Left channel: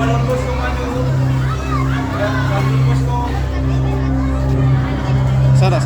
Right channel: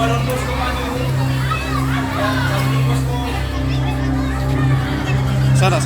Don Bosco maju. Ya, Don Bosco. Sana.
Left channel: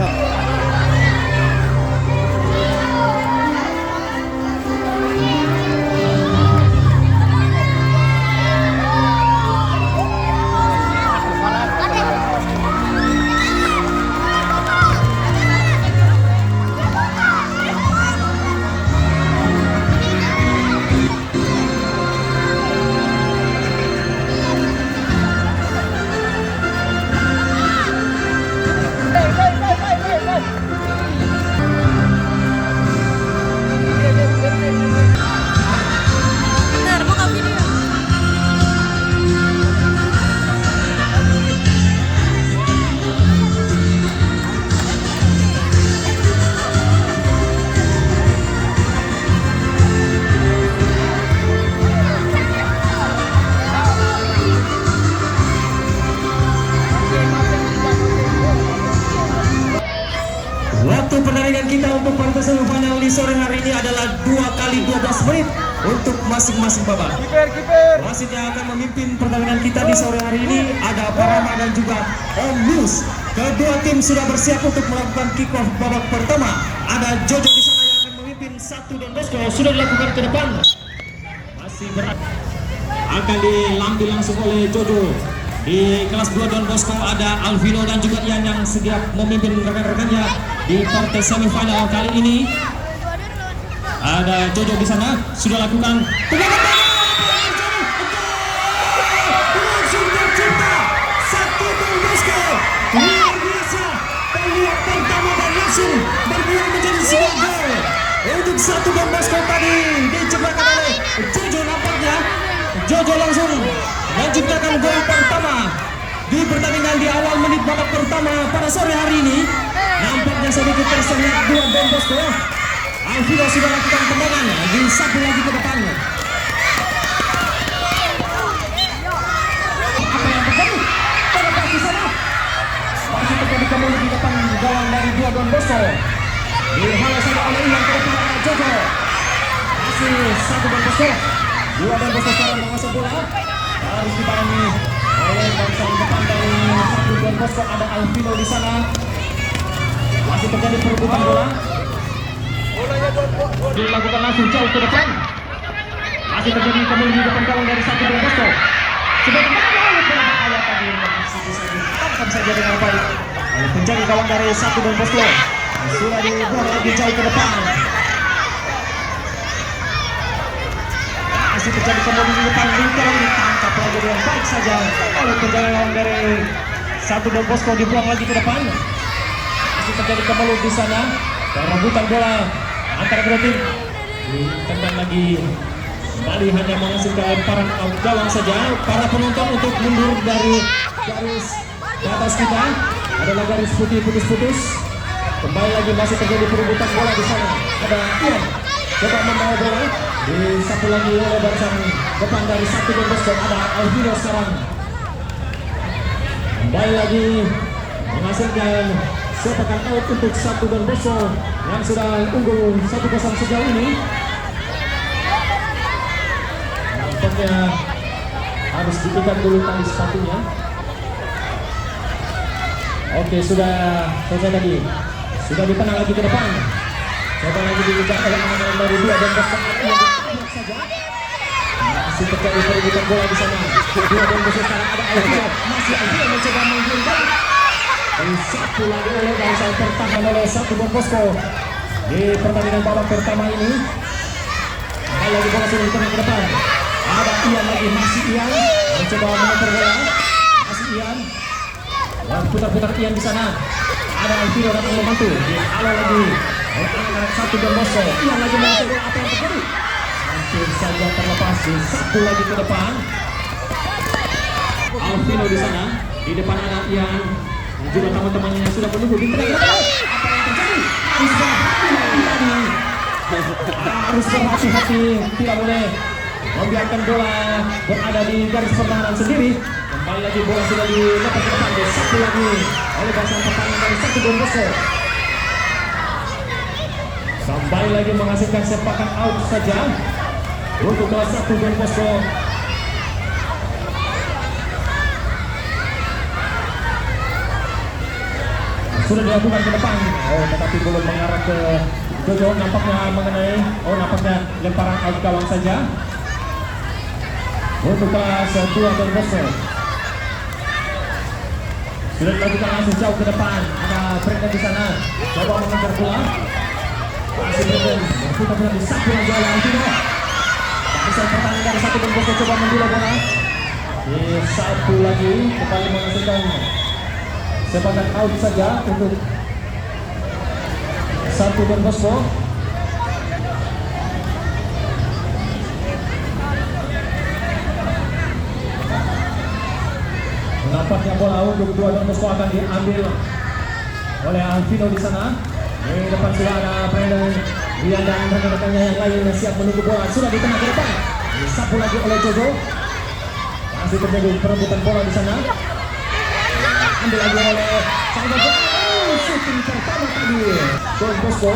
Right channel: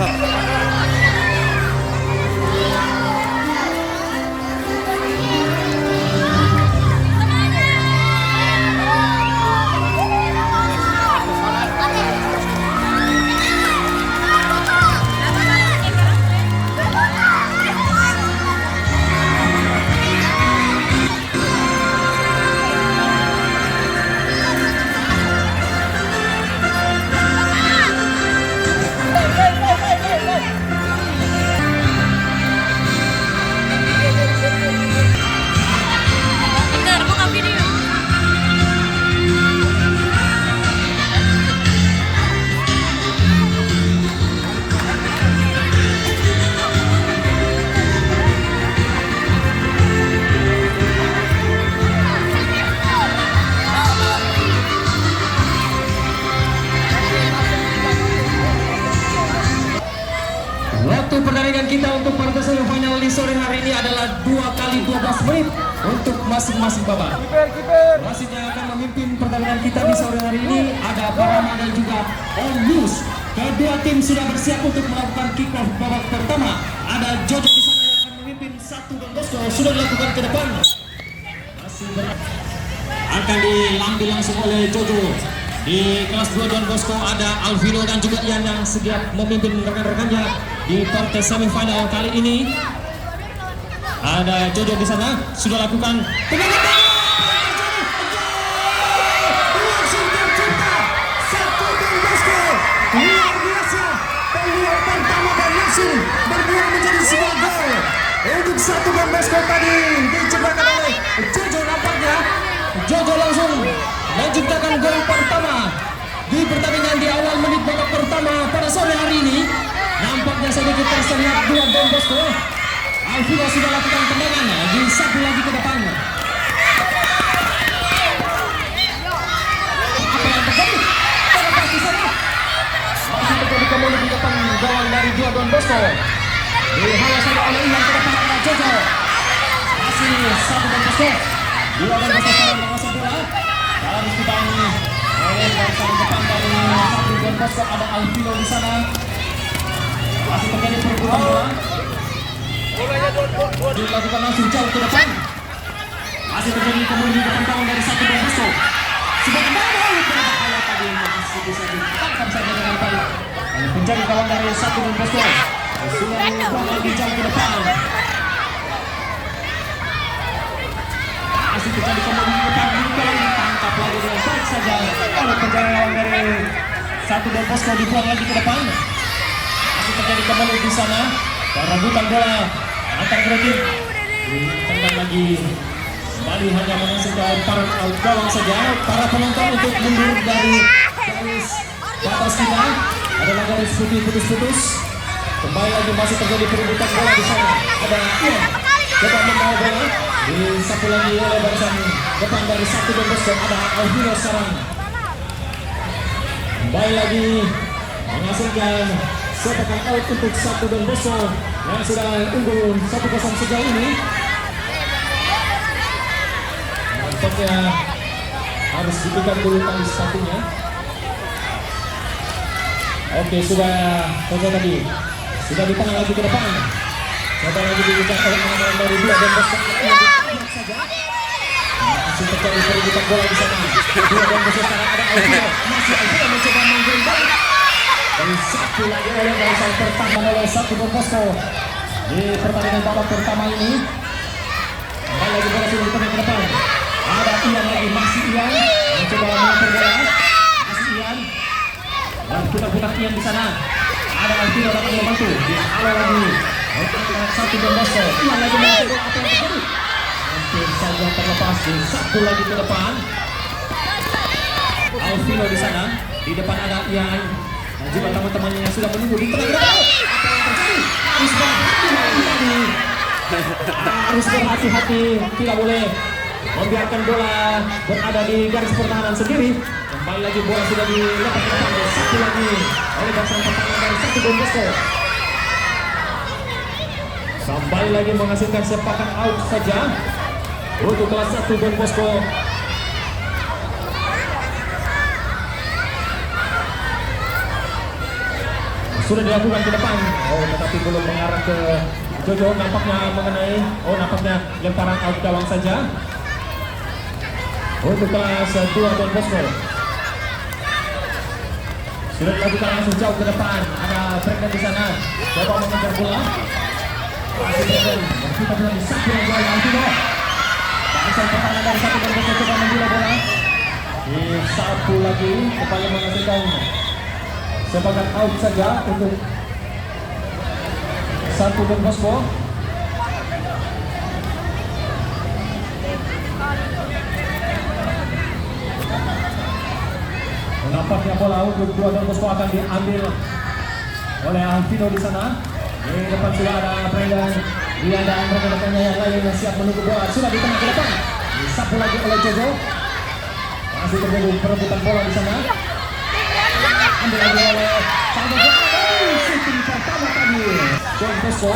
Waktu pertandingan kita untuk partai semifinal di sore hari ini adalah 2 kali 12 menit untuk masing-masing babak. Wasit yang akan memimpin pertandingan kita di sore hari ini ada Parama dan juga Om Yus. Kedua tim sudah bersiap untuk melakukan kick off babak pertama. Ada Jojo di sana yang akan memimpin satu Don Bosco sudah dilakukan ke depan. Masih berat. Akan diambil langsung oleh Jojo. Di kelas 2 Don Bosco ada Alvino dan juga Ian yang siap memimpin rekan-rekannya di partai semifinal kali ini. Ada Jojo di sana sudah lakukan satu Don Bosco luar biasa, peluang pertama dan langsung berbuah menjadi sebuah gol untuk satu Don Bosco tadi diciptakan oleh Jojo. Nampaknya Jojo langsung menciptakan gol pertama di pertandingan di awal menit babak pertama pada sore hari ini. Nampaknya sedikit terlihat dua Don Bosco. Alvino sudah lakukan tendangan di satu lagi ke depan. Apa yang terjadi? Terlepas di sana. Masih terjadi kembali di depan gawang dari dua Don Bosco. Dihalau saja oleh Ian ke depan ada Jojo. Masih satu Don Bosco. Dua Don Bosco sekarang menguasai bola. Harus dibangun oleh barisan depan dari satu Don Bosco ada Alvino di sana. Masih terjadi perebutan bola. Dilakukan langsung jauh ke depan. Masih terjadi kembali di depan gawang dari satu Don Bosco. Sebagai mana berbahaya tadi masih bisa ditekan saja dengan baik. Penjaga gawang dari satu Don Bosco sudah dibuang lagi jauh ke depan. Masih terjadi kembali di depan lingkaran ditangkap lagi dengan baik saja oleh penjaga gawang dari satu Don Bosco dibuang lagi ke depan. Masih terjadi kembali di sana perebutan bola antara kedua tim. Ditendang lagi kembali hanya menghasilkan lemparan out gawang saja. Para penonton untuk mundur dari garis batas kita adalah garis putih putus-putus. Kembali lagi masih terjadi perebutan bola di sana. Ada Ian coba membawa bola disapu lagi oleh barisan depan dari satu Don Bosco. Ada Alvino sekarang kembali lagi menghasilkan sepakan out untuk satu Don Bosco yang sudah unggul 1-0 sejauh ini. Nampaknya harus diikat dulu tali sepatunya. Oke, sudah selesai tadi. Sudah ditenang lagi ke depan. Coba lagi diikat oleh anak-anak dari dua Don Bosco yang ditangkap saja. Masih terjadi perebutan bola di sana. Dua Don Bosco sekarang ada Alvino. Masih Alvino mencoba menggiring balik. Dan satu lagi oleh barisan tertahan oleh satu Don Bosco di pertandingan babak pertama ini. Kembali lagi bola sudah ditendang ke depan. Ada Ian lagi, masih Ian mencoba mengatur bola. Masih Ian. Dan putar-putar Ian di sana. Ada Alvino datang membantu. Dihalau lagi oleh anak-anak satu Don Bosco. Ian lagi mengatur bola. Apa yang terjadi? Hampir saja terlepas. Di satu lagi ke depan. Alvino di sana. Di depan ada Ian. Juga teman-temannya yang sudah menunggu di tengah. Apa yang terjadi? Harus berhati-hati, tidak boleh membiarkan bola berada di garis pertahanan sendiri. Kembali lagi bola sudah dilepas ke depan. Satu lagi oleh barisan pertahanan dari satu Don Bosco. Kembali lagi menghasilkan sepakan out saja untuk kelas satu Don Bosco. sudah dilakukan ke depan. Oh, tetapi belum mengarah ke Jojo. Nampaknya mengenai, nampaknya lemparan out gawang saja. Untuk kelas 2 Don Bosco. Sudah dilakukan langsung jauh ke depan. Ada Brandon di sana. Coba mengejar bola. Masih Brandon. Dan kita pun disapu lagi oleh Altino. Barisan pertahanan dari satu Don Bosco coba membela bola. Disapu lagi. Kembali menghasilkan sebagai out saja untuk satu Don Bosco. Nampaknya bola untuk dua Don Bosco akan diambil oleh Alvino di sana. Di depan sudah ada Brandon, Rian dan rekan-rekannya yang lain yang siap menunggu bola. Sudah di tengah ke depan. Disapu lagi oleh Jojo. Masih terjadi perebutan bola di sana. Ambil lagi oleh Salvador. Shooting pertama tadi Don Bosco.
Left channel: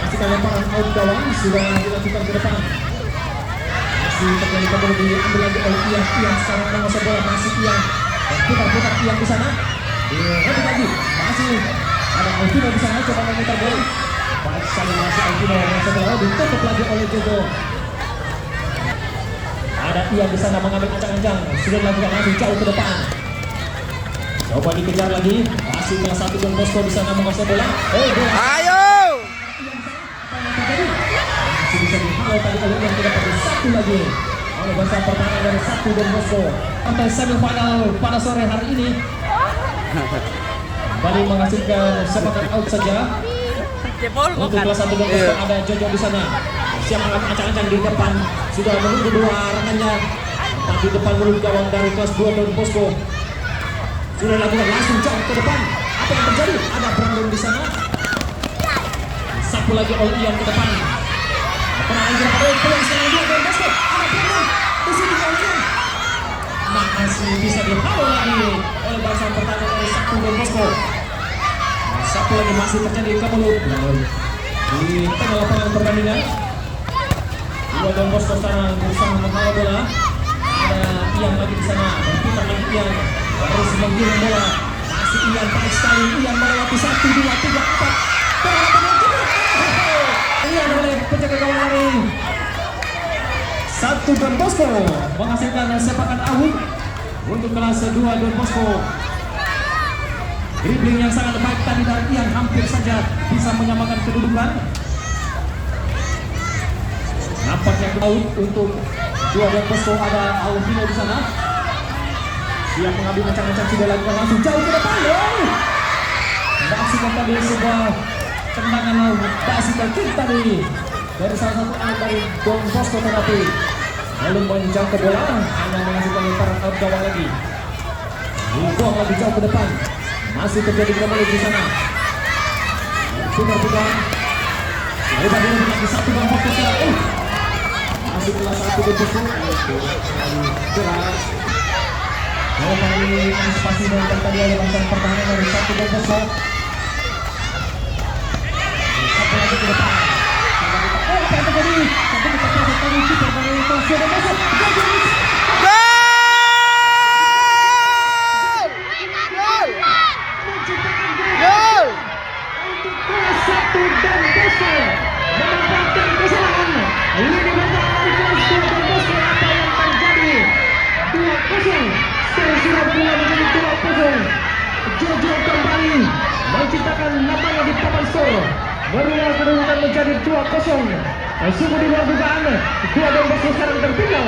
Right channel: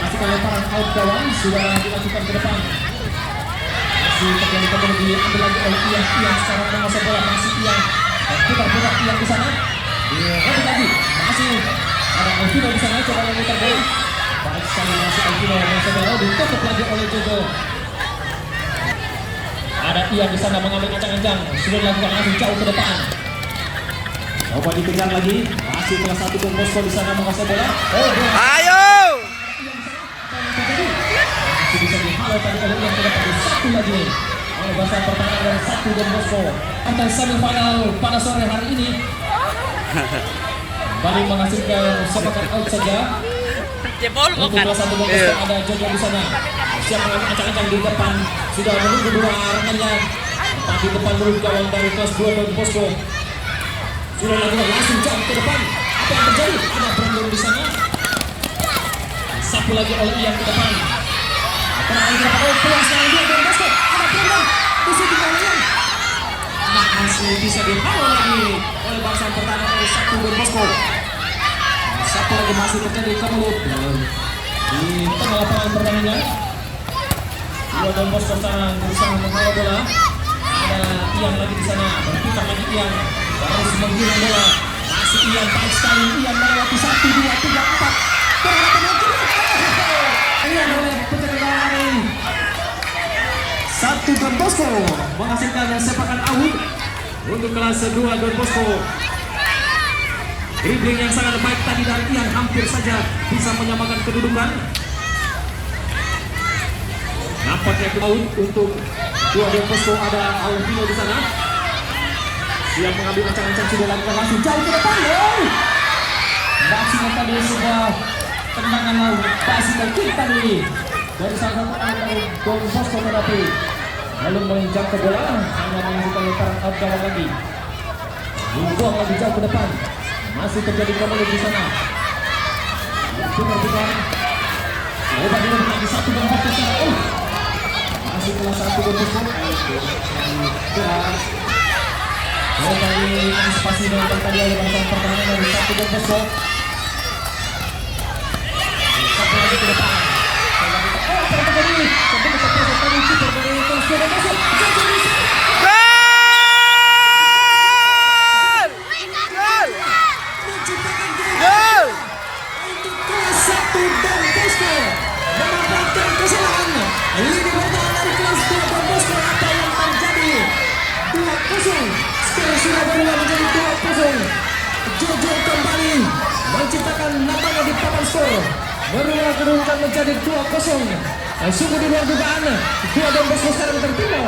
Masih lemparan out gawang sudah dilakukan ke depan. Masih terjadi kembali diambil lagi oleh Ian sekarang menguasai bola. Masih Ian dan putar-putar Ian di sana. Direbut lagi. Masih ada Alvino di sana coba memutar bola. Baik sekali masih Alvino menguasai bola. Ditutup lagi oleh Jojo. Ada Ian di sana mengambil ancang-ancang. Sudah dilakukan langsung jauh ke depan. Coba dikejar lagi. Masih kelas 1 Don Bosco di sana menguasai bola. Oh, bola. Ayo! Masih bisa dihalau tadi oleh Ian, tidak pada satu lagi. Oleh bahasa pertahanan dari satu Don Bosco. Partai semifinal pada sore hari ini kembali menghasilkan sepakat out saja. Untuk kelas 1 Don Bosco ada Jojo di sana. Siap mengambil ancang-ancang di depan. Sudah menunggu dua rekannya. Tempat di depan mulut gawang dari kelas 2 Don Bosco. Sudah dilakukan langsung jauh ke depan. Apa yang terjadi? Ada Brandon di sana. Sapu lagi oleh Ian ke depan. Tenang lagi dapat peluang sekarang dia Don Bosco. Ada Brandon. Bisa dikalahkan. Masih bisa dihalau lagi. Bahasa pertahanan dari satu Don Bosco. Satu lagi masih terjadi ke mulut. Di tengah lapangan pertandingan. Dua Don Bosco sekarang berusaha menghalau bola. Ada Ian lagi di sana. Berputar lagi Ian. Terus menggiring bola. Masih Ian baik sekali. Ian melewati 1, 2, 3, 4. Ian oleh penjaga gawang lari. Satu Don Bosco menghasilkan sepakan out untuk kelas 2 Don Bosco. Dribbling yang sangat baik tadi dari Ian hampir saja bisa menyamakan kedudukan. Nampaknya out untuk dua Don Bosco. Ada Alvino di sana. Dia mengambil ancang-ancang sudah lakukan langsung jauh ke depan. Maksimal tadi sebuah tendangan basikal kick tadi dari salah satu anak dari Don Bosco, tetapi lalu menjauh ke bola hanya menghasilkan lemparan out gawang lagi. Dibuang lagi jauh ke depan. Masih terjadi kembali di sana. Putar-putar. Coba dia lagi satu Don Bosco sekarang. Masih kelas 1 Don Bosco. Coba diantisipasi dengan tadi oleh bangsa pertahanan dari satu Don Bosco. Satu lagi ke depan. Oh, apa yang terjadi? Sampai kita proses tadi super dari Don Bosco. Gol! Menciptakan Gol! untuk kelas 1 Don Bosco memanfaatkan kesalahan lini bertahan dari kelas 2 Don Bosco. Apa yang terjadi? 2-0. Sekarang sudah berubah menjadi 2-0. Jojo kembali menciptakan namanya di papan skor. Berubah kedudukan menjadi 2-0. Sungguh di luar dugaan. 2 Don Bosco sekarang tertinggal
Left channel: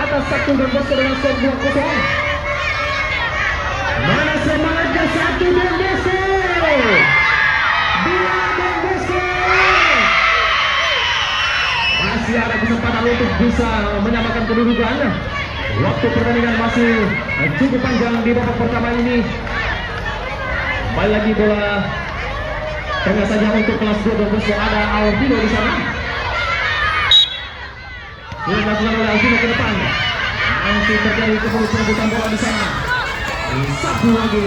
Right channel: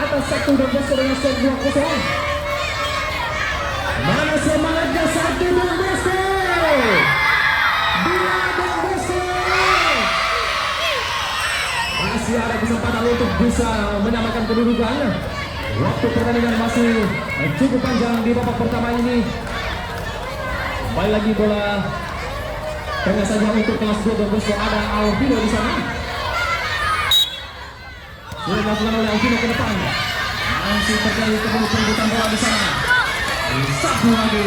atas 1 Don Bosco dengan skor 2-0. Mana semangatnya 1 Don Bosco? 2 Don Bosco. Masih ada kesempatan untuk bisa menyamakan kedudukan. Waktu pertandingan masih cukup panjang di babak pertama ini. Kembali lagi bola tengah saja untuk kelas 2 Don Bosco. Ada Alvino di sana. Sudah dilakukan oleh Alvino ke depan. Masih terjadi perebutan bola di sana. Satu lagi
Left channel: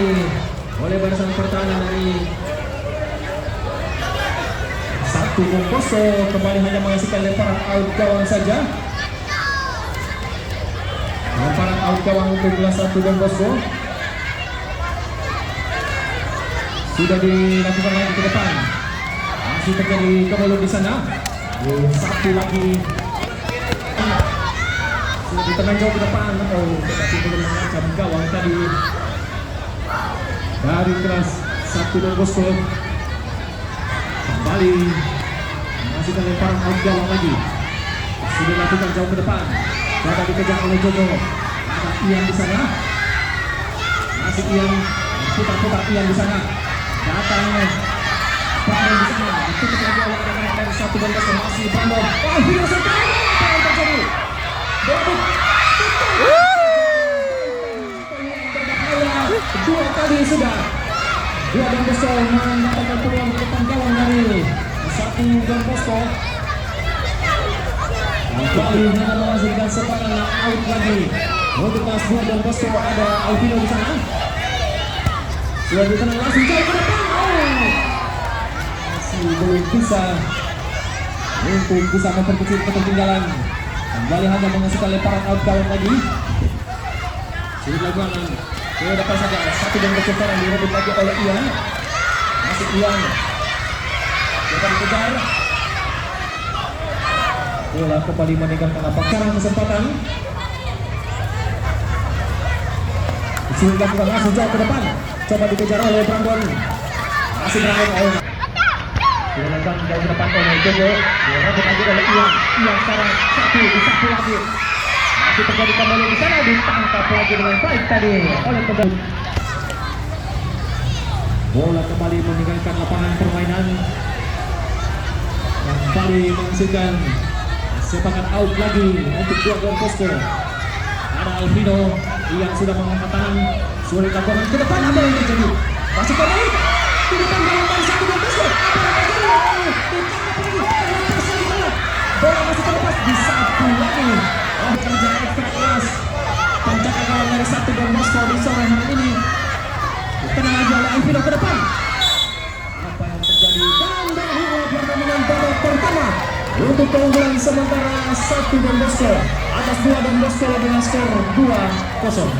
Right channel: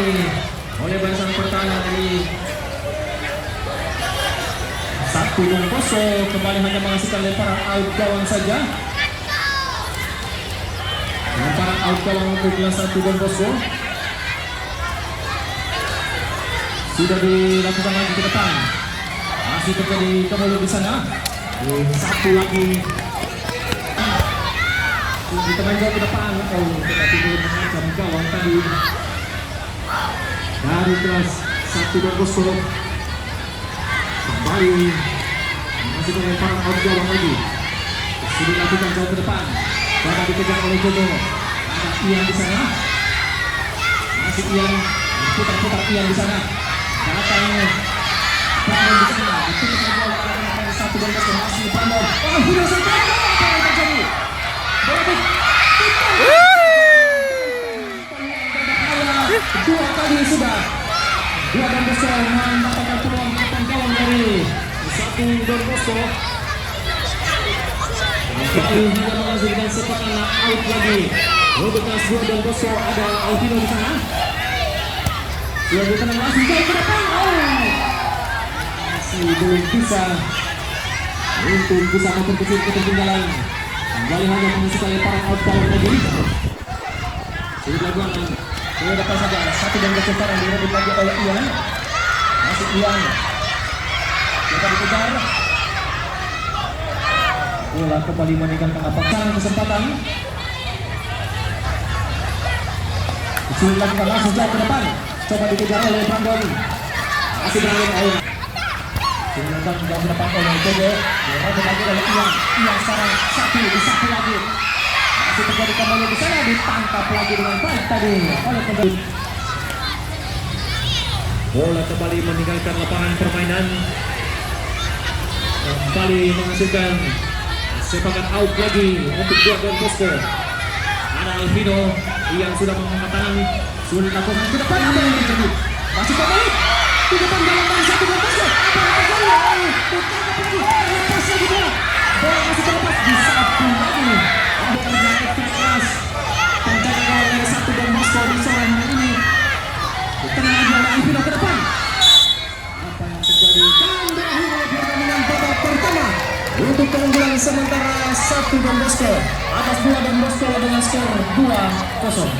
oleh barisan pertahanan dari satu Don Bosco. Kembali hanya menghasilkan lemparan out gawang saja. Lemparan out gawang untuk kelas 1 Don Bosco. sudah dilakukan lagi ke depan. Masih terjadi kemulut di sana. Satu lagi di tengah jauh ke depan. Tetapi belum mengancam gawang tadi dari kelas 1 Don Bosco. Kembali masih lemparan out gawang lagi. Sudah dilakukan jauh ke depan. Coba dikejar oleh Jojo. Ada Ian di sana. Masih Ian, putar-putar Ian di sana. Datang Brandon di sana. Ditutup lagi oleh anak-anak 1 Don Bosco. Masih Brandon. Sudah selesai. Apa yang terjadi? Dua kali sudah. Dua Don Bosco mendapatkan peluang ke depan gawang dari 1 Don Bosco. Kali ini menghasilkan sekarang out lagi. Untuk kelas 2 Don Bosco ada Alvino di sana. Sudah di sana langsung jauh ke depan. Masih belum bisa untuk bisa memperkecil ketertinggalan. Kembali hanya menghasilkan lemparan out gawang lagi. Sudah dilakukan ke depan saja. 1 Don Bosco sekarang direbut lagi oleh Ian. Masih Ian. Coba dikejar. Bola kembali meninggalkan lapangan kesempatan. Sudah dilakukan langsung jauh ke depan. Coba dikejar oleh Brandon. Masih Brandon. Sudah dilakukan jauh ke depan oleh Jojo. Direbut lagi oleh Ian. Ian sekarang satu lagi. Masih terjadi kembali di sana, ditangkap lagi dengan baik tadi oleh pemain. Bola kembali meninggalkan lapangan permainan. Kembali menghasilkan sepakat out lagi untuk Don Bosco. Ada Alvino yang sudah mengangkat tangan. Sudah dilakukan ke depan. Apa yang terjadi? Masih kembali di depan dalam 1 Don Bosco. Apa yang terjadi? Ditangkap lagi. Lepas lagi bola. Bola masih terlepas di satu lagi. Ada kejar keras. Tanjakan gawang dari 1 Don Bosco di sore hari ini. Tengah lagi oleh Alvino ke depan. Apa yang terjadi? Dan berakhir pertandingan babak pertama. Untuk keunggulan sementara 1 Don Bosco atas 2 Don Bosco dengan skor 2-0.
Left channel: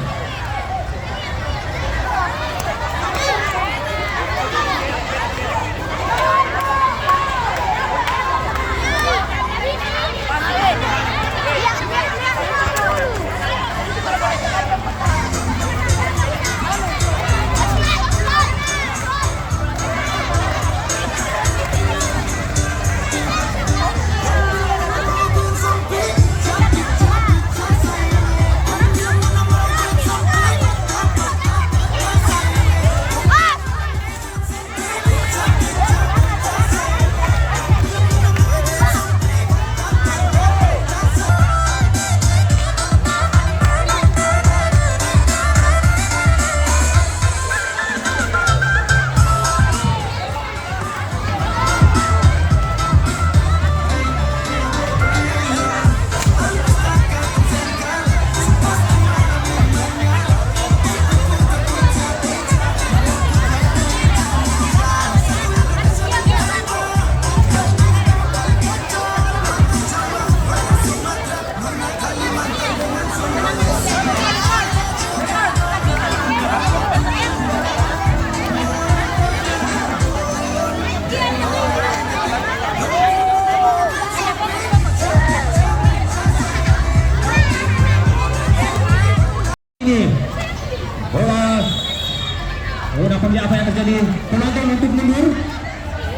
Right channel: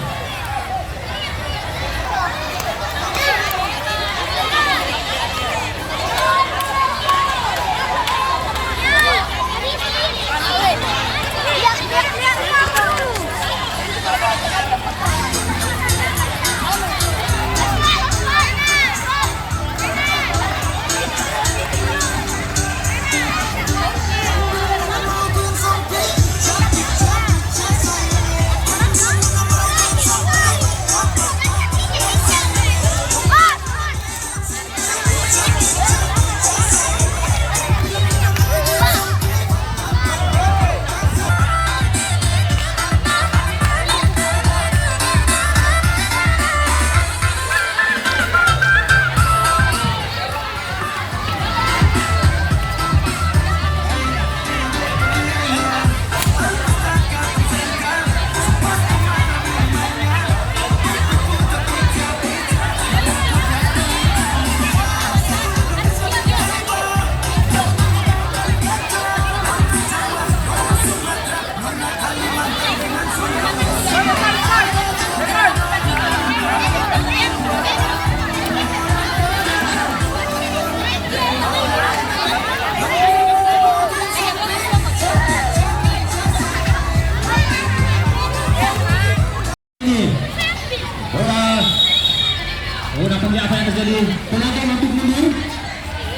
Apa yang terjadi? Penonton untuk mundur.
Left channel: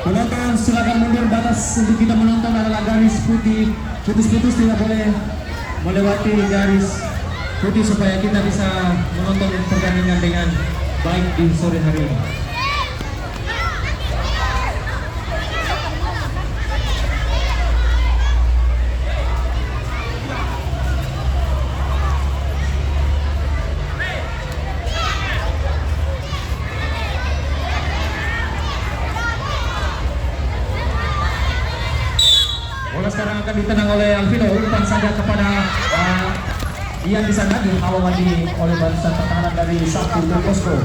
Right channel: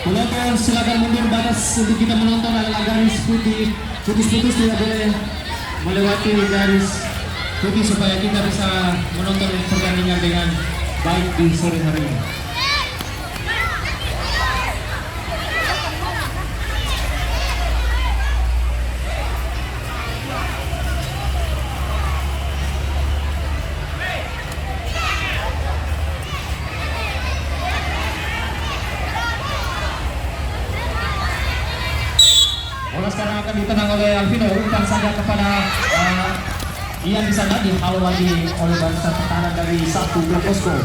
Penonton silakan mundur. Batas untuk kita menonton adalah garis putih. Putus-putus tidak boleh melewati garis putih supaya kita bisa menonton pertandingan dengan baik di sore hari ini. Bola sekarang akan ditenang oleh Alvino. Umpan saja kepada Ian di sana, dihalau lagi oleh barisan pertahanan dari 1 Don Bosco.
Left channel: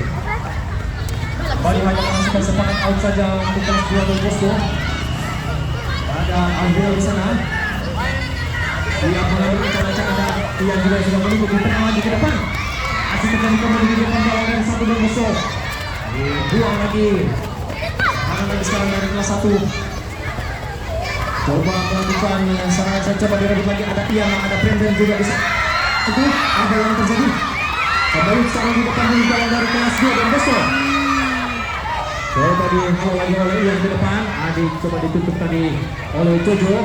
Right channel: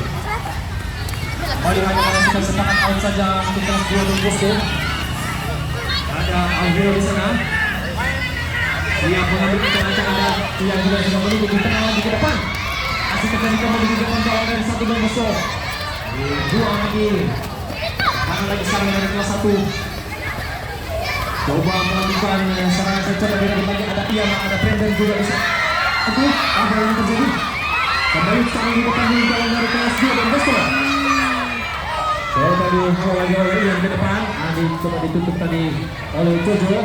Kembali hanya menghasilkan sepakat out saja untuk kelas 2 Don Bosco. Ada Alvino di sana. Dia mengambil cara-cara Ian juga sudah menunggu di tengah lagi ke depan. Masih terjadi kembali di depan gawang dari 1 Don Bosco. Buang lagi. Dan lagi sekarang dari kelas 1. Coba melakukan serangan saja dari lagi ada Ian, ada Brandon juga bisa. Itu ada yang terjadi. Kembali sekarang di depan dari kelas 2 dan besok. Coba tadi lagi oleh Ian di depan. Adi coba ditutup tadi oleh Jojo.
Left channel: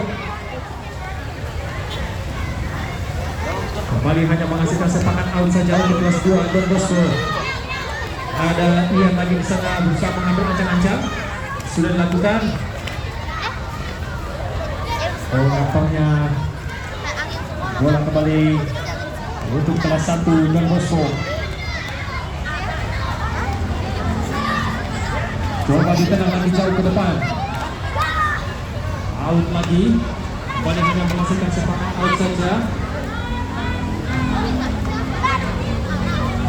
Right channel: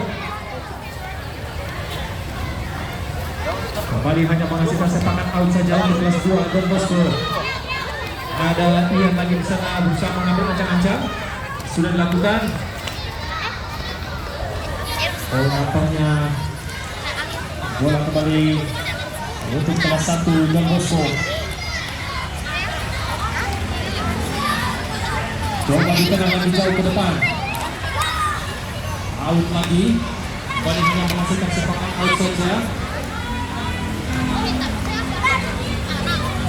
Kembali hanya menghasilkan sepakan out saja untuk kelas 2 Don Bosco. Ada Ian lagi di sana berusaha mengambil ancang-ancang. Sudah dilakukan. Nampaknya bola kembali untuk kelas 1 Don Bosco. Coba ditenang lebih jauh ke depan. Out lagi. Kembali hanya menghasilkan sepakan out saja.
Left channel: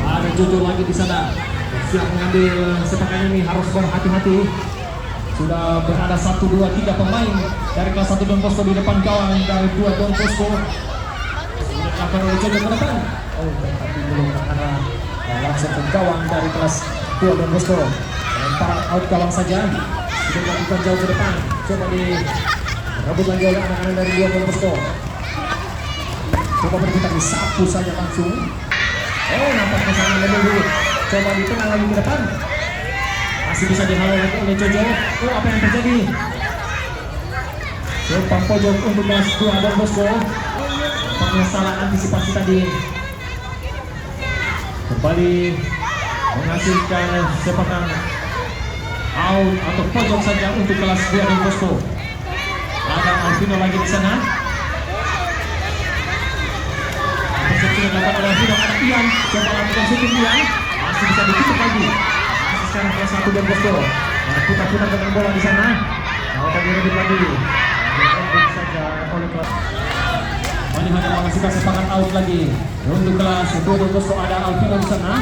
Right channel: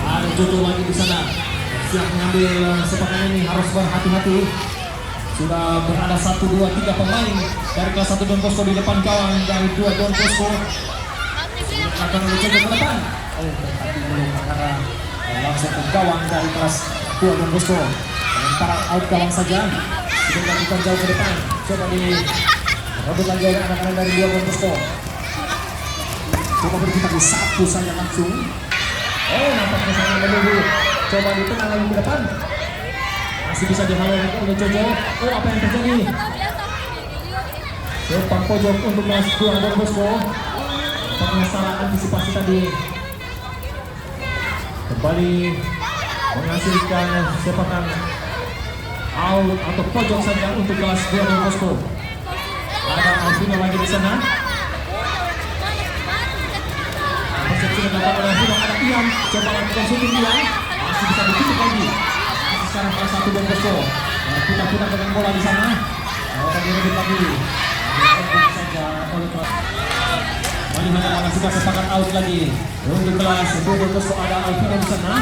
Ada Jojo lagi di sana. Siap mengambil sepakan ini, harus berhati-hati. Sudah berada 1, 2, 3 pemain dari kelas 1 Don Bosco di depan gawang dari 2 Don Bosco. Sudah akan mencoba ke depan. Tapi belum mengarah langsung ke gawang dari kelas 2 Don Bosco. Lemparan out gawang saja. Sudah dilakukan jauh ke depan. Coba direbut lagi oleh anak-anak dari 2 Don Bosco. Coba berputar di sapu saja langsung. Oh, nampaknya sangat menunggu. Coba ditenang lagi ke depan. Masih bisa dihalau oleh Jojo. Oh, apa yang terjadi? Sepak pojok untuk kelas 2 Don Bosco. Nampaknya salah antisipasi tadi. Kembali menghasilkan sepakan out atau pojok saja untuk kelas 2 Don Bosco. Ada Alvino lagi di sana. Persepsi yang dilakukan oleh Alvino, ada Ian. Coba lakukan shooting Ian. Masih bisa ditutup lagi. Masih sekarang kelas 1 Don Bosco. Putar-putar dengan bola di sana. Coba direbut lagi. Direbut saja oleh kelas. Kembali hanya menghasilkan sepakan out lagi. Untuk kelas 2 Don Bosco ada Alvino di sana.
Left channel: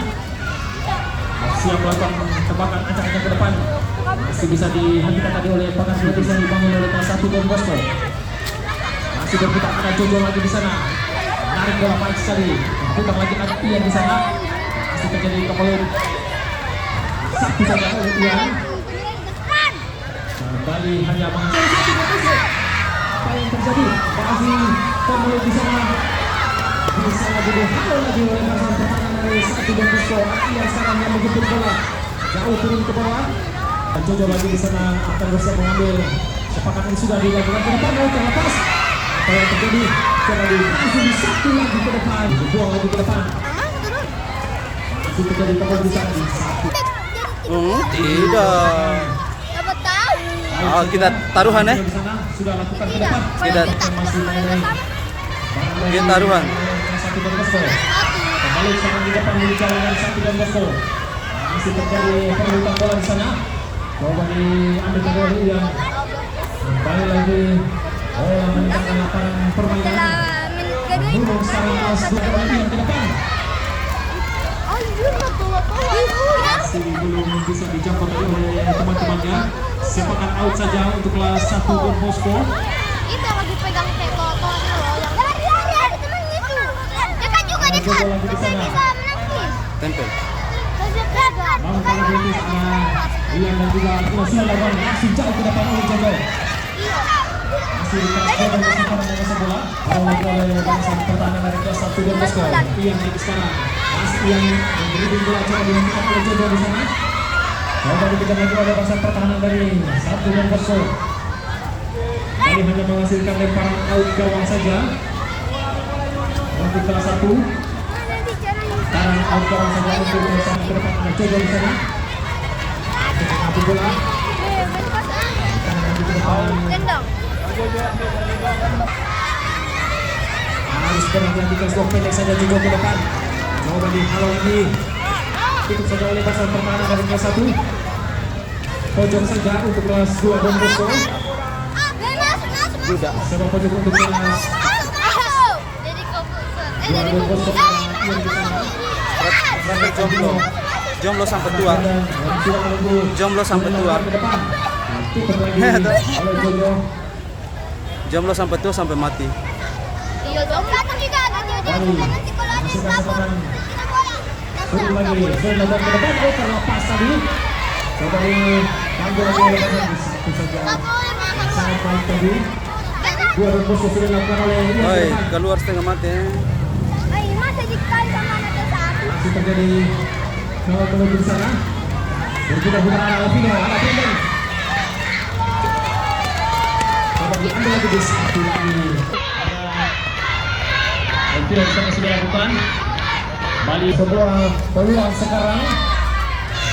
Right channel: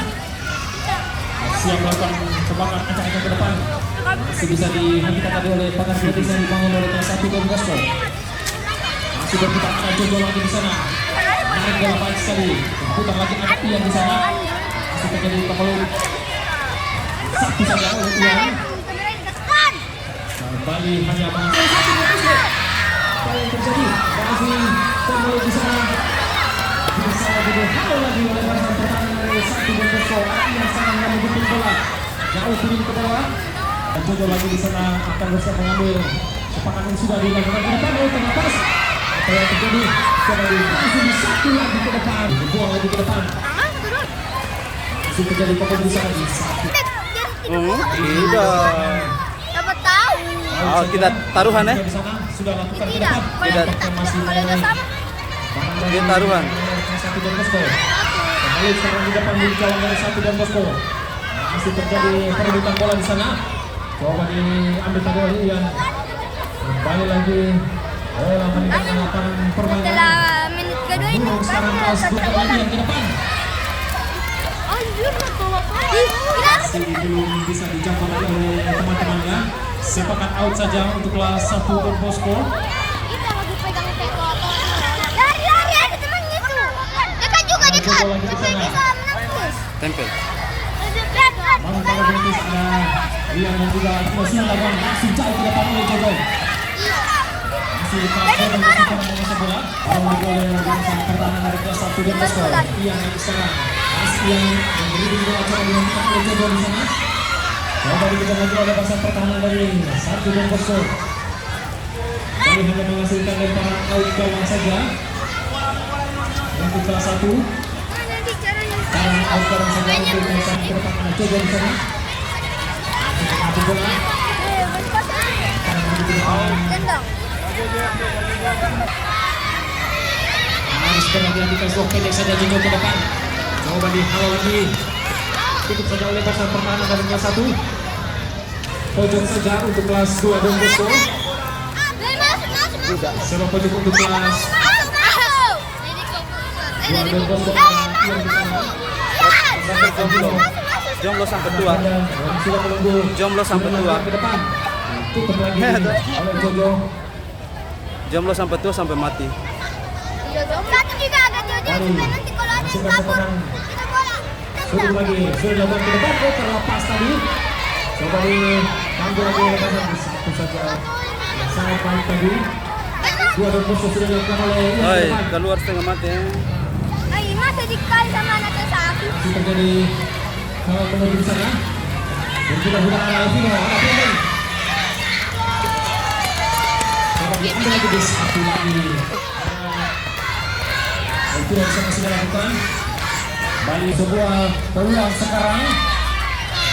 Siap melakukan sepakan ancang-ancang ke depan. Masih bisa dihentikan tadi oleh pagar yang bisa dibangun oleh kelas 1 Don Bosco. Masih berputar, ada Jojo lagi di sana. Menarik bola baik sekali. Putar lagi, ada Ian di sana. Masih terjadi kembali. Satu saja oleh Ian. Kembali hanya menghasilkan. Apa yang terjadi? Masih kembali di sana. Bisa lagi dihalau lagi oleh Marsan pertahanan dari 1 Don Bosco. Ian sekarang yang menjemput bola. Jauh turun ke bawah. Jojo lagi di sana akan berusaha mengambil sepakan yang sudah dilakukan ke depan. Oh, terlepas. Apa yang terjadi? Coba langsung satu lagi ke depan. Dibuang lagi ke depan. Masih terjadi keputusan di satu. Oh, tidak. Dapat tahu. Oh, kita taruhan ya? Sudah lakukan ke depan. Tidak. Kita taruhan. Satu Don Bosco. Kembali sekarang di depan di jalan dari 1 Don Bosco. Masih terjadi perebutan bola di sana. Coba diambil tadi oleh Ian. Kembali lagi. Bola meninggalkan lapangan permainan. Namun sekarang kelas 2 kembali Ian ke depan. Masih belum bisa dijangkau tadi oleh teman-temannya. Sepakan out saja untuk kelas 1 Don Bosco. Kita lagi pegang pegang. Lari-lari ada temannya tuh. Kita juga Ada Jojo lagi di sana. Tempel. Namun kalau Dennis Ian dan juga sudah lawan langsung jauh ke depan oleh Jojo. Masih kelas 2 Don Bosco sekarang menguasai bola. Lagi oleh bangsa pertahanan dari kelas 1 Don Bosco. Ian lagi sekarang. Masih Ian memberi bola, coba dihentikan oleh Jojo di sana. Coba dikejar lagi oleh bangsa pertahanan dari 1 Don Bosco. Kali hanya menghasilkan lemparan out gawang saja untuk kelas 1. Sekarang out gawang saja untuk kelas 1 ke depan. Ada Jojo di sana. Untuk mengambil bola. Harus berhati-hati kelas 2 pendek saja Jojo ke depan. Coba dihalau lagi. Tutup saja oleh bangsa pertahanan dari kelas 1. Pojok saja untuk kelas 2 Don Bosco. Juga serang pojok untuk kelas 2 Don Bosco. Berarti jomblo. Jomblo sampai tua. Jomblo sampai tua. Jomblo sampai tua sampai mati. Iya dong. Satu juga ada Jojo. Nanti kalau ada Sudah lagi, sudah dilakukan ke depan, oh terlepas tadi. Coba diambil lagi oleh badan, satu saja. Sangat baik tadi. Dua dan bosku sudah dilakukan oleh Ian Oi, ke depan. keluar setengah mati. Ay, masih dikali sama anak kita. Masih terjadi kalau menuju di sana. Dan sudah bukan ada Alvino, ada Brandon. Coba diambil lagi di satu lagi. Ada Alvino di sana sudah lakukan. Kembali sebuah peluang sekarang.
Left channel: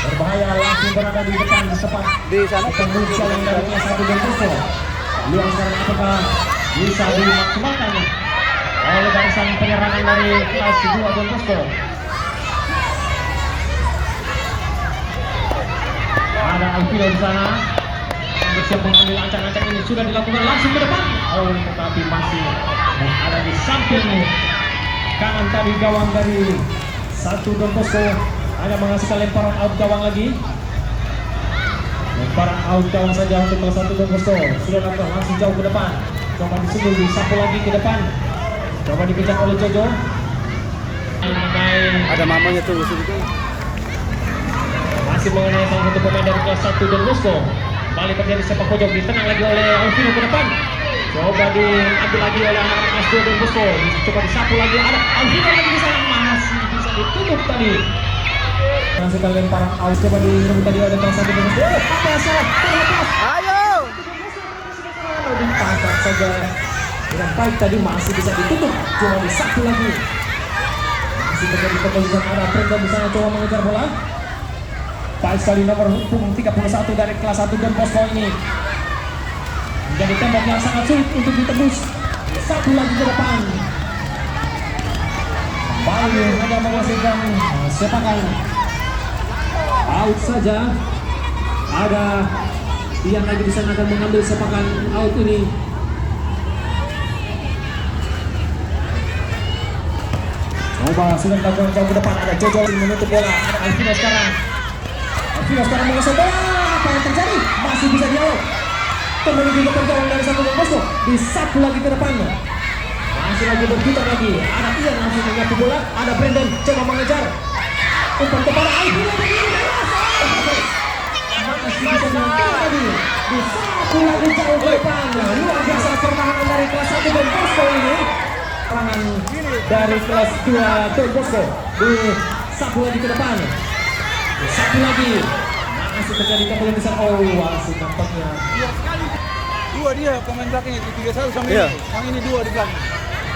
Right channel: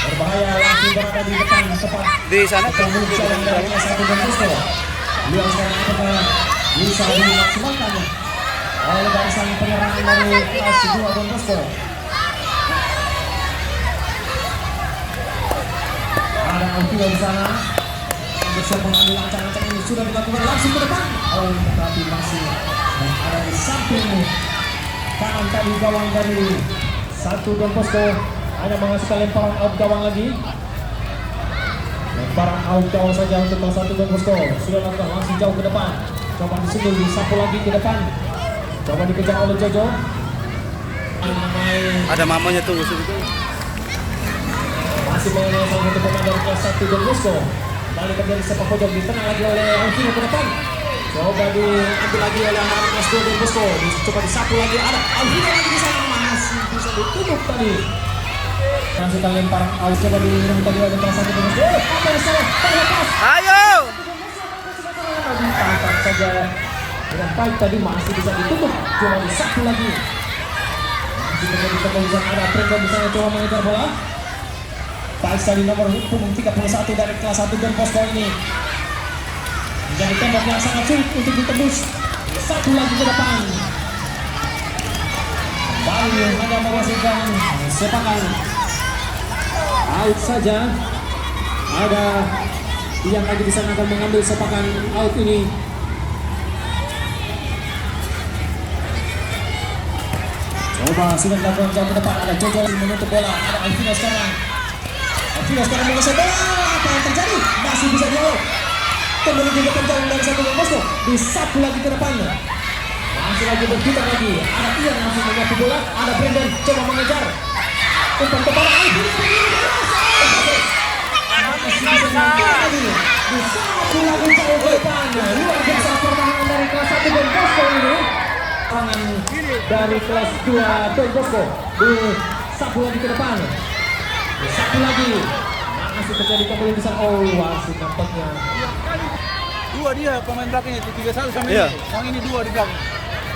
Berbahaya langsung berada di depan tepat. Di sana Akan menuju yang dari kelas 1 dan Bosco. Peluang sekarang apakah bisa dimaksimalkan oleh barisan penyerangan dari kelas 2 dan Bosco. Ada Alvino di sana. Bersiap mengambil ancang-ancang ini sudah dilakukan langsung ke depan. Oh, tetapi masih ada di samping kanan tadi gawang dari 1 dan Bosco. Hanya menghasilkan lemparan out gawang lagi. Lemparan out gawang saja untuk kelas 1 dan Bosco. Sudah lakukan langsung jauh ke depan. Coba disundul, disapu lagi ke depan. Coba dikejar oleh Jojo. Ada mamanya tuh situ. Masih mengenai salah satu pemain dari kelas 1 dan Bosco. Balik terjadi sepak pojok, ditenang lagi oleh Alvino ke depan. Coba diambil lagi oleh anak kelas 2 dan Bosco. Coba disapu lagi, ada Alvino lagi di sana, masih bisa ditutup tadi. Masukkan lemparan out, coba diminum tadi ada kelas 1 dan Bosco. Apa yang salah? Terlepas. Ayo! Ditangkap saja dengan baik tadi, masih bisa ditutup. Cuma disapu lagi. Masih terjadi kepolisian, ada Brandon di sana coba mengejar bola. Baik sekali nomor punggung 31 dari kelas 1 dan Bosco ini. Menjadi tembok yang sangat sulit untuk ditembus. Satu lagi ke depan. Kembali hanya menghasilkan sepakan out saja. Ada yang lagi di sana akan mengambil sepakan out ini. Coba sudah dilakukan jauh ke depan. Ada Jojo menutup bola. Ada Alvino sekarang. Alvino sekarang menguasai bola. Apa yang terjadi? Masih bisa dialog. Kembali juga penjalan dari 1 dan Bosco. Disapu lagi ke depan. Masih lagi berputar lagi. Ada Ian langsung menyapu bola. Ada Brandon coba mengejar. Umpan kepada Alvino. Masih bisa dialog lagi. Disapu lagi jauh ke depan. Luar biasa permainan dari kelas 1 dan Bosco ini. Tangan dari kelas 2 dan Bosco. Disapu lagi ke depan. Disapu lagi. Masih terjadi kembali besar. Oh, wasit nampaknya. Dua dia pemain belakang itu 31 sama Iya. ini. Yang ini dua di belakang.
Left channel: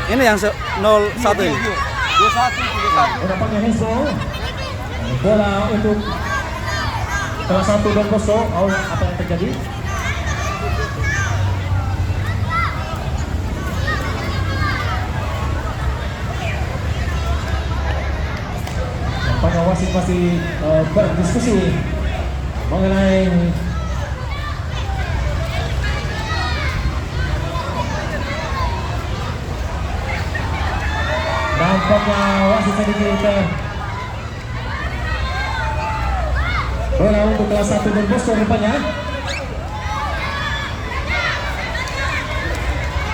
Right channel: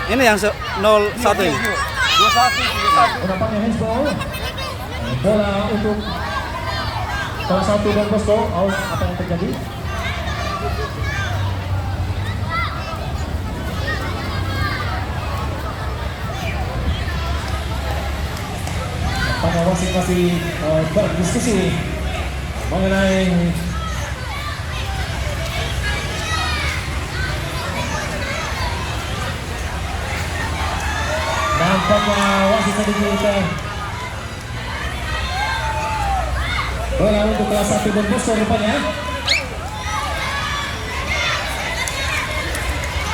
Ini yang 01 ini. 21, 31. Oh, nampaknya handball. Bola untuk kelas 1 dan Bosco. Oh, apa yang terjadi? Nampaknya wasit masih berdiskusi mengenai nampaknya wasit sedikit bola untuk kelas 1 dan Bosco rupanya.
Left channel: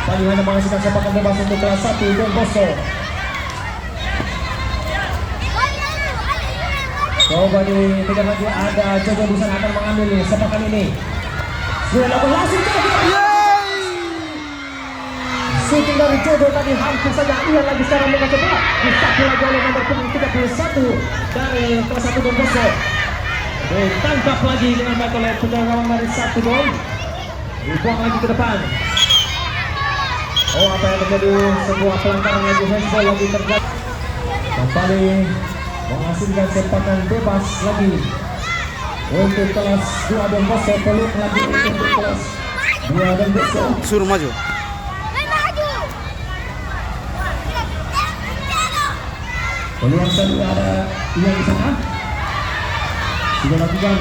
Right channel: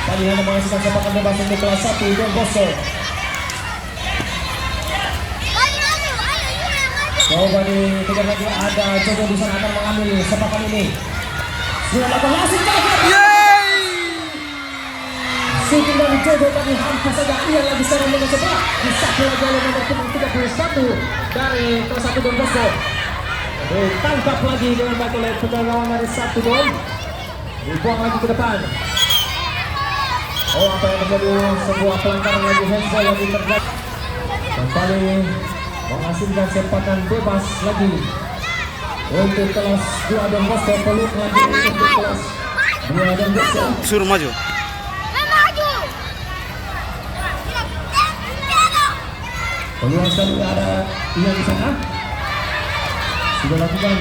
Tadi hanya menghasilkan sepakan bebas untuk kelas 1 dan Bosco. Coba dikejar lagi, ada Jojo di sana akan mengambil sepakan ini. Sudah lakukan langsung jauh. Shooting dari Jojo tadi hampir saja ia lagi sekarang dengan sebelah. Disapu lagi oleh nomor punggung 31 dari kelas 1 dan Bosco. Ditangkap lagi dengan baik oleh penjaga dari 1 Dom. Dibuang lagi ke depan. Oh, apa yang terjadi? Sebuah pelanggaran lagi, handball lagi terjadi. Kembali menghasilkan sepakan bebas lagi untuk kelas 2 dan Bosco. Peluk lagi untuk kelas 2 dan Bosco. Suruh maju. Peluang selanjutnya ada yang di sana. Sudah lakukan.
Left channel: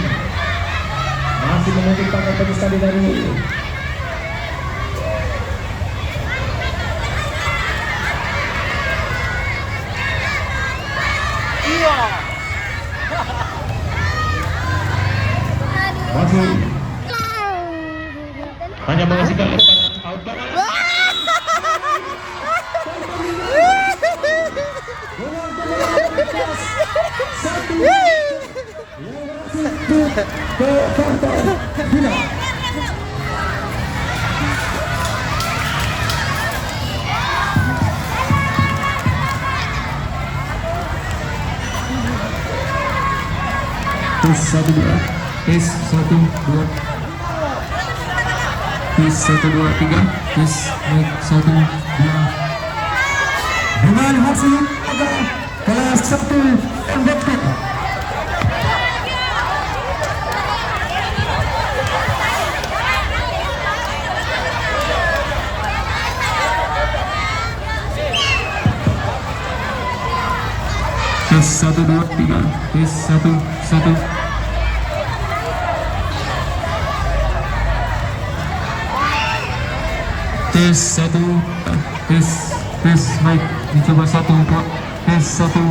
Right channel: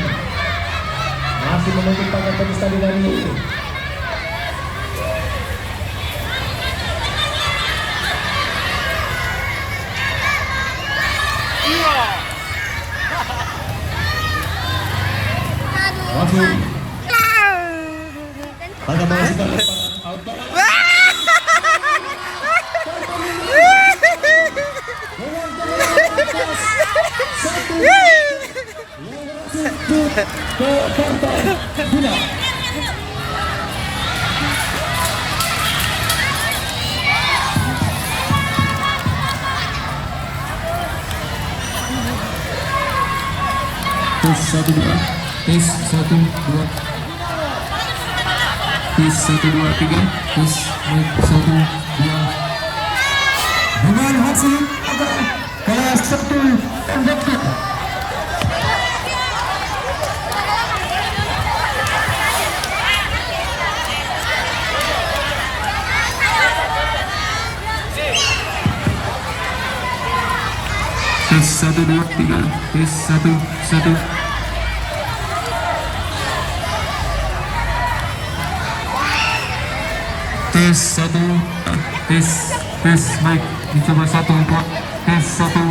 Masih menuntut pakai penis tadi dari ini. Masuk. Hanya menghasilkan lemparan out. ke partai final. Tes 1 2, tes 1 2, tes 1 2 3, tes 1 2. Dengan hasil kelas 1 konvektor. Tes 1 2 3, tes 1 1. Tes 1, tes baik, dicoba 1 4, tes 1.